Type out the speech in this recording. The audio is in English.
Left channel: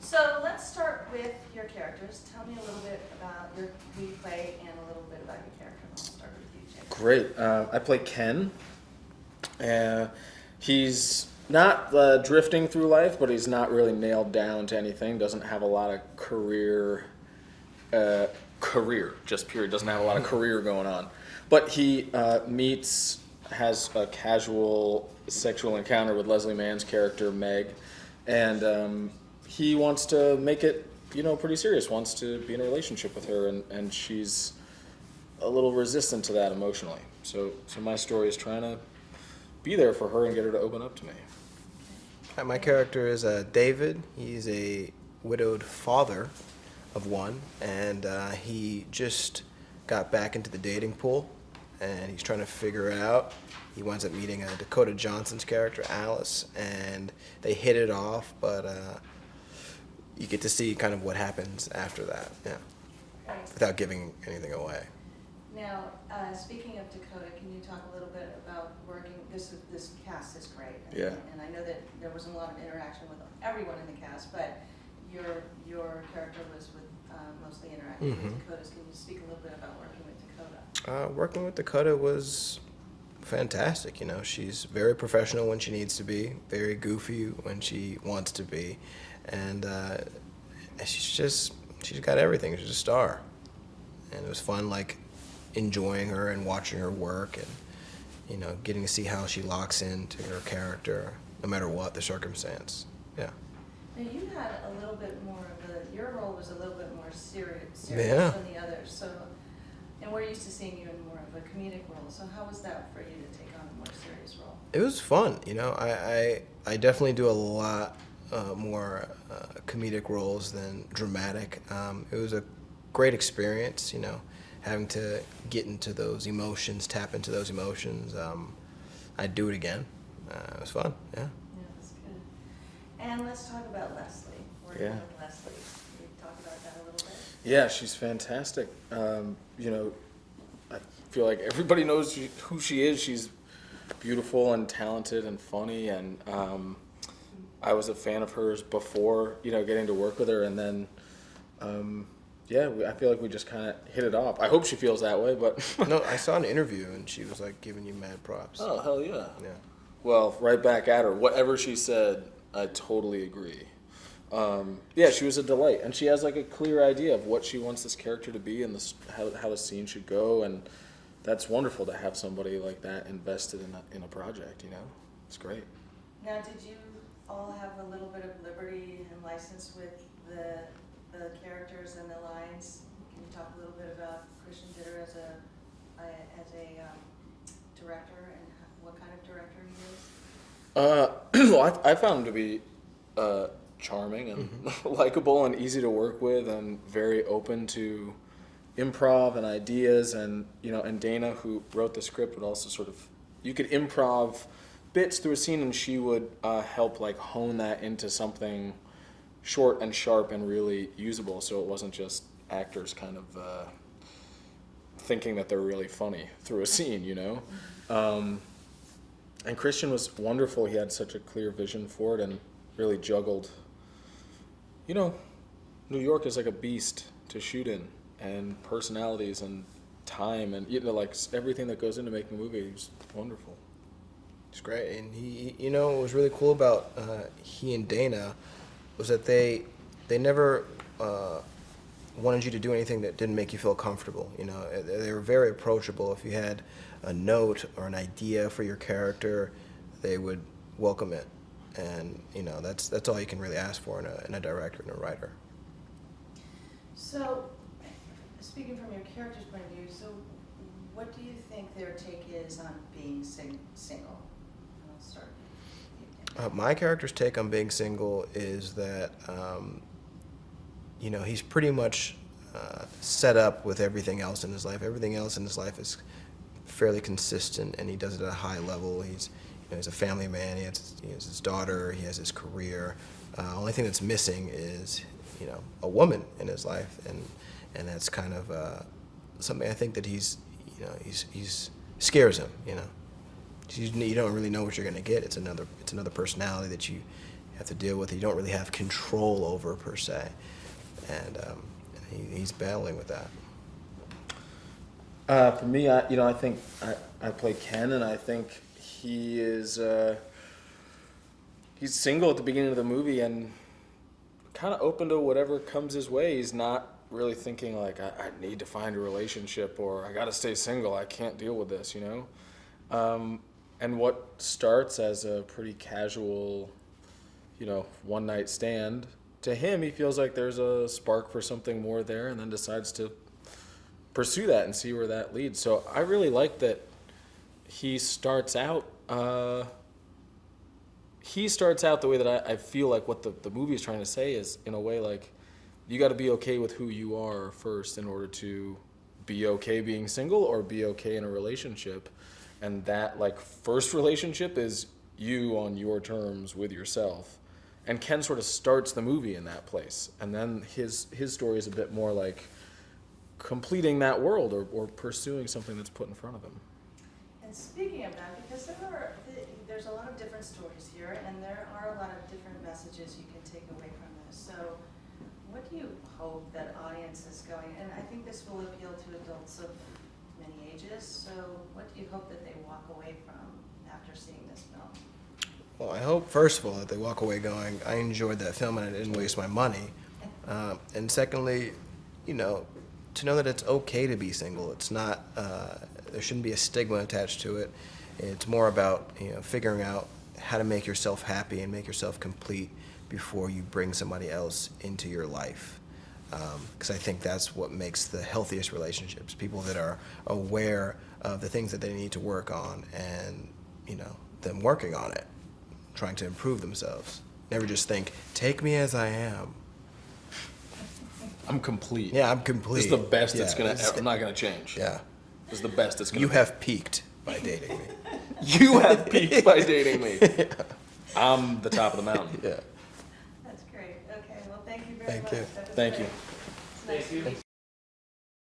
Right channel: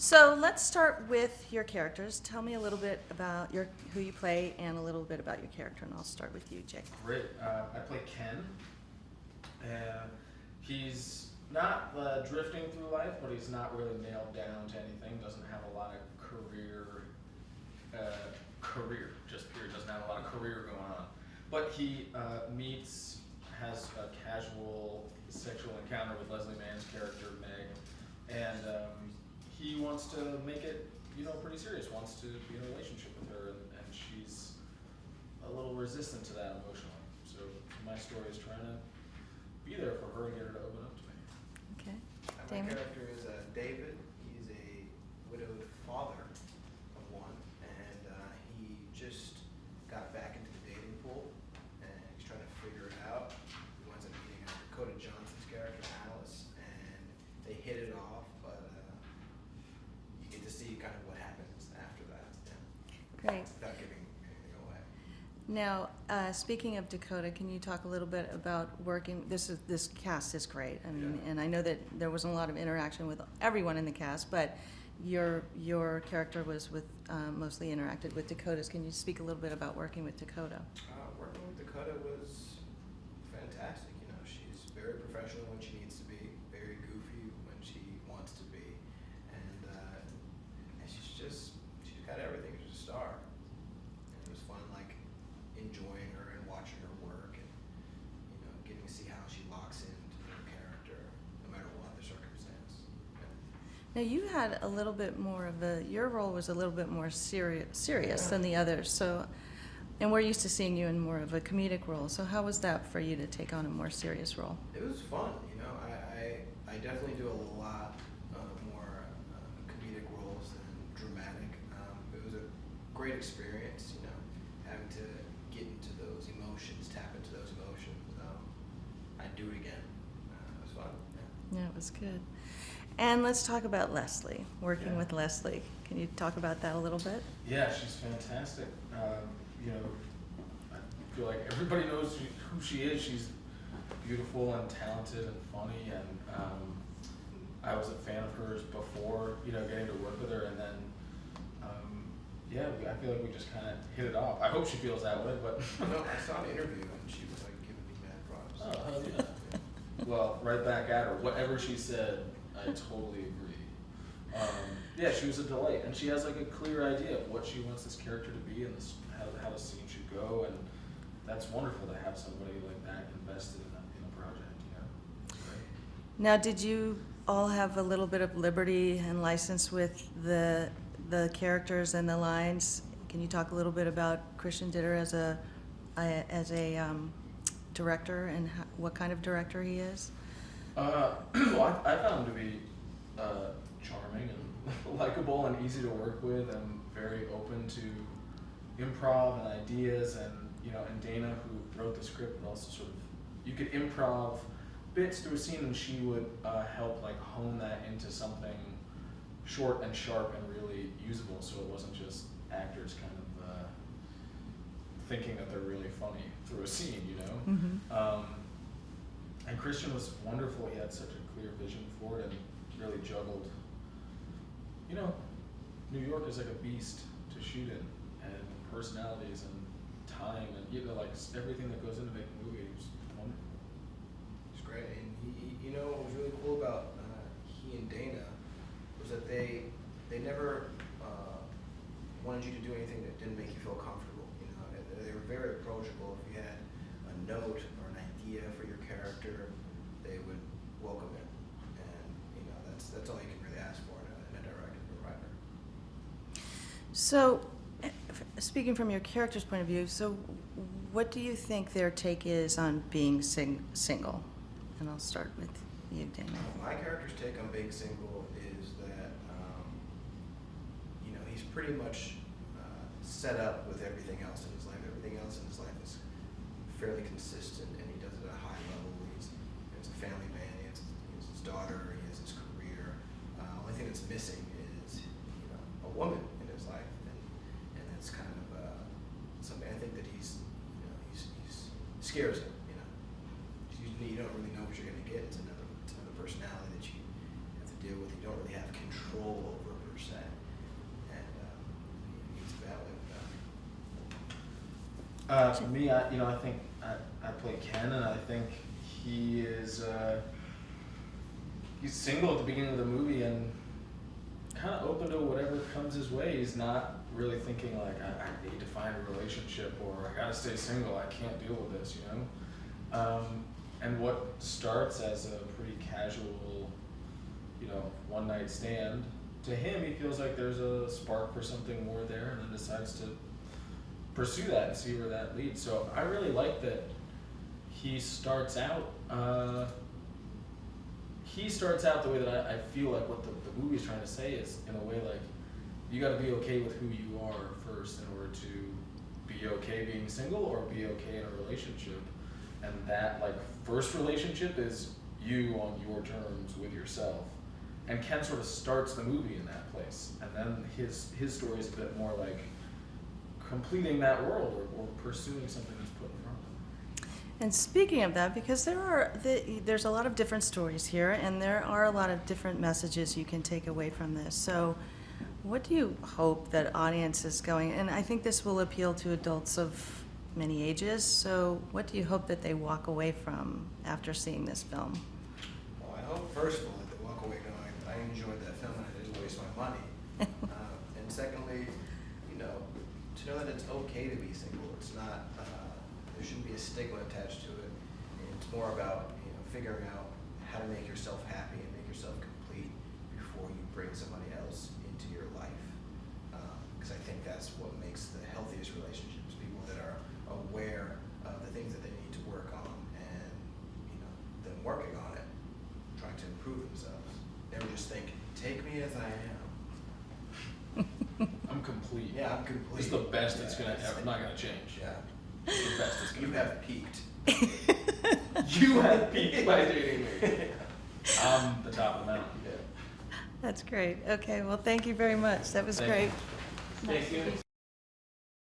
So let's start with your characters. Tell me a little bit about who you play and a little bit about your character, and I'll start with you, Jake. Great. I play Ken. He's not drifting through life, but he's not really nailed down to anything. Doesn't have a lot of career, just period. Doesn't have a lot of career going on. But he has a casual sexual encounter with Leslie Mann's character, Meg, and he wants to make it, pretty serious, wants to be in a relationship with her, and she's a little resistant to that emotionally. So my story is trying to be there for her and get her to open up to me. Okay. My character is David. He's a widowed father of one, and he just got back into the dating pool, and he's trying to figure it out. He winds up meeting Dakota Johnson's character, Alice, and they hit it off, but you get to see kind of what happens after that, Great. without giving anything away. Now, speaking of Dakota, can you talk a little bit about working? This cast is great, and I know that there wasn't a lot of interaction with everyone in the cast, but your character was mostly interacting with Dakota's. Can you speak a little bit about working with Dakota? Working with Dakota was fantastic. She's very professional when she needs to be, very goofy when she wants to be, and she's got everything. She's a star, and it was fun, enjoying her and watching her work, and getting to see how she locks into her character, no matter what the circumstance. Yeah. Now you had a little bit more of your role was a little bit more serious Yeah. than the others. So, and we're used to seeing you in more of a comedic role. So how was that for you to take on a more serious role? It was fun. I definitely do a lot more comedic roles than dramatic. It was a great experience, having to get into those emotions, tap into those emotions. I'd do it again. It was fun, yeah. Yeah, it was good. And let's talk about Leslie, working with Leslie. Can you talk about that a little bit? Yeah, she's fantastic. I feel like everybody knows who she is. She's beautiful and talented and funny, and I was a fan of hers before, getting to work with her, and then, I feel like we just kind of hit it off. I hope she feels that way, but... No, I saw an interview, and she was, giving you mad props. Oh, hell yeah. Yeah. Well, right back at her. Whatever she said, I totally agree. She was a delight, and she has a clear idea of what she wants this character to be and how the scene should go, and that's wonderful to have somebody like that invested in a project. It's great. Now, did you all have a little bit of liberty and license with the characters and the lines? Can you talk a little bit about Christian Ditter as a director and what kind of director he is? Well, I found him to be charming and likable and easy to work with, and very open to improv and ideas, and and Dana, who wrote the script, would also you could improv bits through a scene, and she would help hone that into something short and sharp and really usable, so it wasn't just actors kind of thinking that they're really funny through a scene, And Christian was wonderful. He had such a clear vision for it and really juggled. New York is like a beast to shoot in, and personalities and time and everything that goes into making a movie is wonderful. It's great. And he, what was really cool about he and Dana was that they never wanted you to do anything that didn't make you feel comfortable. They were very approachable. If you had a note or an idea for your character, they would welcome it, and that's all you can really ask for in a director and a writer. So, speaking from your character's point of view, so what do you think their take is on being single? And I'll start with you, Damon. My character's take on being single is that he's pretty much set up with everything else in his life. Everything else in his life is fairly consistent, and he does it at a high level. He's a family man. He has his daughter. He has his career. Only thing that's missing is a woman in his life, and that's kind of something I think that he's scares him. You don't really know what you're going to get. It's another personality that you have to deal with that you don't really have control over per se, and he's battling with that. For me, I think I play Ken, and I think he is he's single at the beginning of the movie and kind of open to whatever comes his way. He's not really thinking like I need to find a relationship or I got to stay single. I can't deal with this, you know. And what starts as a pretty casual, one night stand, to him he feels like there's a spark for something more there, and then decides to pursue that and see where that leads. So I really like that he starts out the way that I feel like what the movie's trying to say is, in a way, like, you got to be okay with who you are first in order to be okay being single or be okay in a relationship. And that, like, first relationship is you on your terms with yourself. And Ken sort of starts the movie in that place. And then his story is a bit more like completing that world or pursuing something that's put in front of them. And speaking of that, because there's a lot of different stories here, and there are a lot of different messages you can take away from this. So what do you hope that audience is going, and I think this will appeal to adults of many ages, so what do you hope that they walk away from after seeing this film? Well, I hope, first of all, that they walk away going, I enjoyed that film and I didn't waste my money. And secondly, to know that it's okay to be single. It's not, there shouldn't be a stigma attached to it. It's more about, figuring out how to make yourself happy and make yourself complete before you bring somebody else into your life. Because I think that's what makes the healthiest relationships. People that are aware of the things that they need to work on and, them working on it, trying to improve themselves. Never just think, take me as I am. I'm complete. Yeah, I'm complete. This is the best I'm not gonna change. Yeah. This is the best it's gonna You be. have peaked by dating. You have peaked by dating me. I'm the top of the mountain. Yeah. That's great. Okay, well, thank you very Thank much. you. That was Thank great. you. Nice.